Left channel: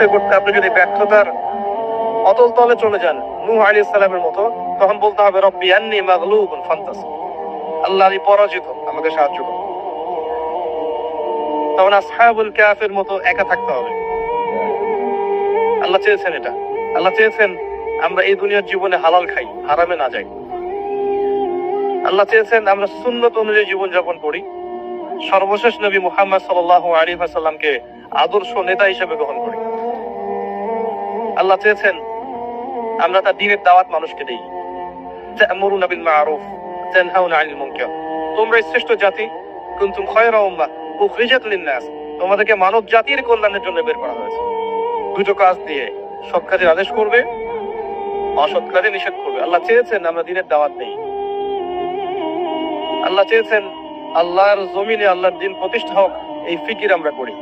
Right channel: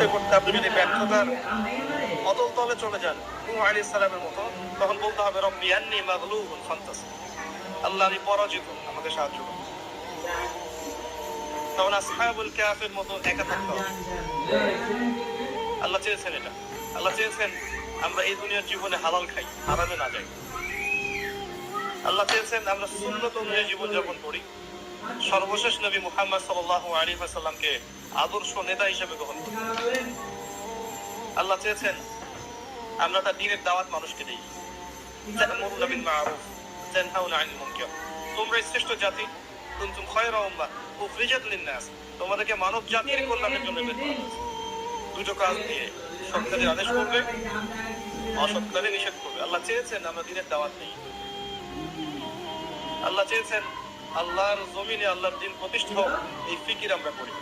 করতে করতে আপনি যদি ব্যর্থতার অতল তলে চলে যান নূহ আলাইহিস সালামের মতো, তখন বলতে হবে রব্বি আন্নী মাগলুবুন ফান্তাসির, আল্লাহ আমি পরাজিত, আমাকে সাহায্য করুন। তখন আসহাবুল কাহফের মতো একা থাকতে হবে। আল্লাহ চেয়েছেন এটা। আল্লাহ চেয়েছেন আমরা এই দুনিয়ার জীবনে হালাল খাই, হারামে না যাই। আল্লাহ চেয়েছেন আমরা সুন্নত অনুযায়ী জীবনযাপন করি, সর্বশেষ নবী মুহাম্মদ সাল্লাল্লাহু আলাইহি ওয়াসাল্লামকে আদর্শ নেতা হিসেবে গ্রহণ করি। আল্লাহ চেয়েছেন আমরা তার দ্বীনের দাওয়াত মানুষকে দেই। তা'মুরুনা বিল মা'রুফ তানহাউনা আনিল মুনকার, তোমরা শ্রেষ্ঠ জাতি, কুনতুম খায়রা উম্মাহ উখরিজাত লিন-নাস, তোমাদেরকে মানব জাতির কল্যাণের জন্য বের করা হয়েছে। দুটো কাজ দিয়ে, সৎ কাজের আদেশ করবে, অসৎ কাজে নিষেধ করবে। আল্লাহ চেয়েছেন আমরা দ্বীনের দাওয়াত দেই। আল্লাহ চেয়েছেন আল্লাহর জমিনে আল্লাহর দ্বীন প্রতিষ্ঠা হোক, এই ফিকির আমরা করি,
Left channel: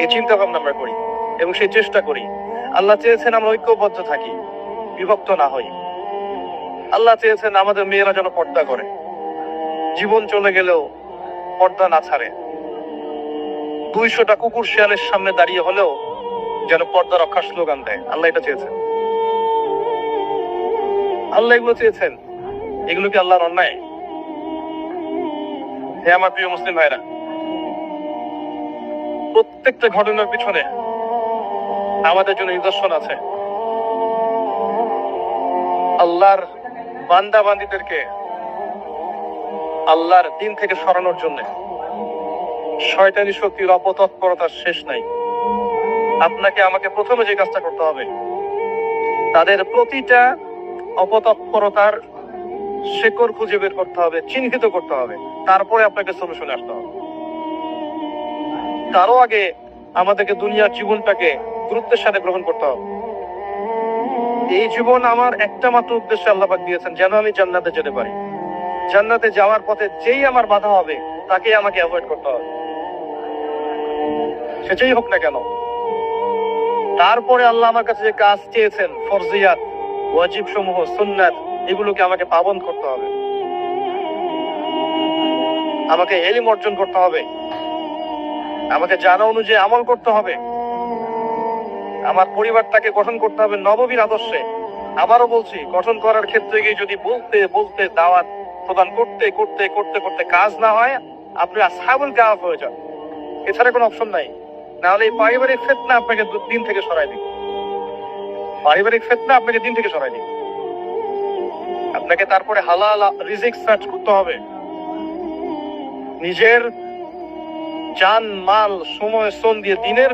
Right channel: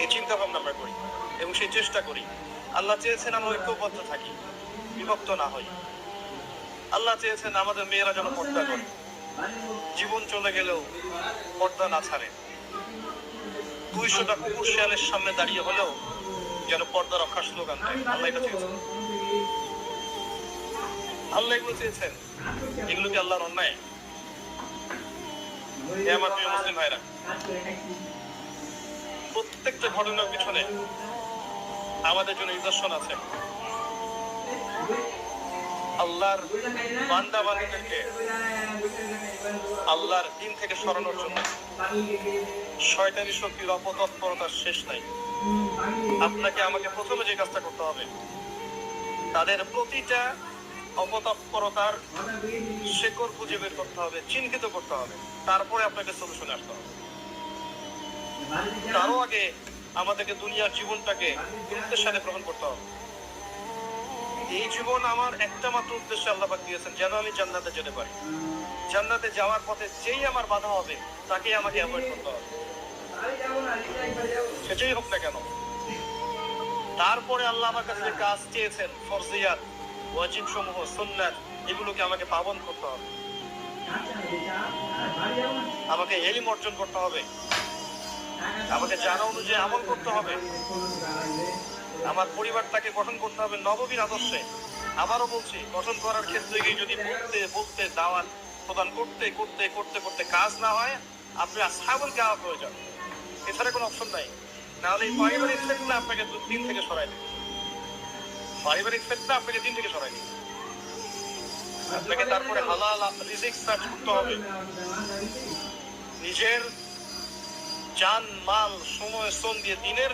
এই চিন্তা ভাবনা আমরা করি এবং সেই চেষ্টা করি। আল্লাহ চেয়েছেন আমরা ঐক্যবদ্ধ থাকি, বিভক্ত না হই। আল্লাহ চেয়েছেন আমাদের মেয়েরা যেন পর্দা করে, জীবন চলে গেলেও পর্দা না ছাড়ে। 200টা কুকুর শিয়ালের সামনে দাঁড়িয়ে হলেও যেন পর্দা রক্ষার স্লোগান দেয়। আল্লাহ এটা চেয়েছেন। আল্লাহ এগুলো চেয়েছেন। এগুলো কি আল্লাহর অন্যায়? হে আমার প্রিয় মুসলিম ভাইরা, প্রত্যেকটা ঘটনার পিছনে আমাদের জন্য নিদর্শন আছে। আল্লাহর বান্দা বান্দীদেরকে আল্লাহর দ্বীন থেকে সরানোর জন্য শয়তানি শক্তির অপতৎপরতার শেষ নাই। আপনাকে আমাকে প্রথমে যে কাজটা করতে হবে, তাদের প্রতিটা অপতৎপরতার শেকড় খুঁজে বের করতে হবে, চিহ্নিত করতে হবে, তারপরে আপনাকে সলিউশনে আসতে হবে। তারও আগে আমাদেরকে দুনিয়ার জীবনটাকে গুরুত্বের সাথে গ্রহণ করতে হবে। এই জীবন আমার একটা মাত্র উদ্দেশ্যে আল্লাহ পাক দিয়েছেন, যেন আমি জান্নাতে যেতে পারি। জান্নাতে যাওয়ার পথে যেই আমার বাধা হবে তাকে আমাকে অ্যাভয়েড করতে হবে, সেটাই হোক না কেন। তারপরে আল্লাহ আমার কাছে যে কাজ চেয়েছেন, ফরজিয়াত, ওয়াজিব সমূহ, সুন্নাত, এগুলোকে আমাকে পাবন করতে হবে। আমাকে ইলম অর্জন করতে হবে, আমাকে জানা অনুযায়ী আমল করতে হবে। আমার পরিবারটাকে গঠন করতে হবে নববীর আদর্শে। আবারও বলছি, গঠন করার ক্ষেত্রে গিয়ে যদি বলতে বলতে দাওয়াত প্রদান করতে করতে করতে করতে কাজ না হয়, আপনি আসহাবুল কাহফ হয়ে যান। এছাড়া কোনো অপশন নাই। নাহলে এই পারিবারিক ফিতনা আপনাকে দিন থেকে সরাই দিবে। পারিবারিক ফিতনা আপনাকে দিন থেকে সরাই দিবে। আপনাকে তারপরে হালাল রিজিক সার্চ করতে হবে। নিজের জান মাল সময় শ্রম দিয়ে দিনের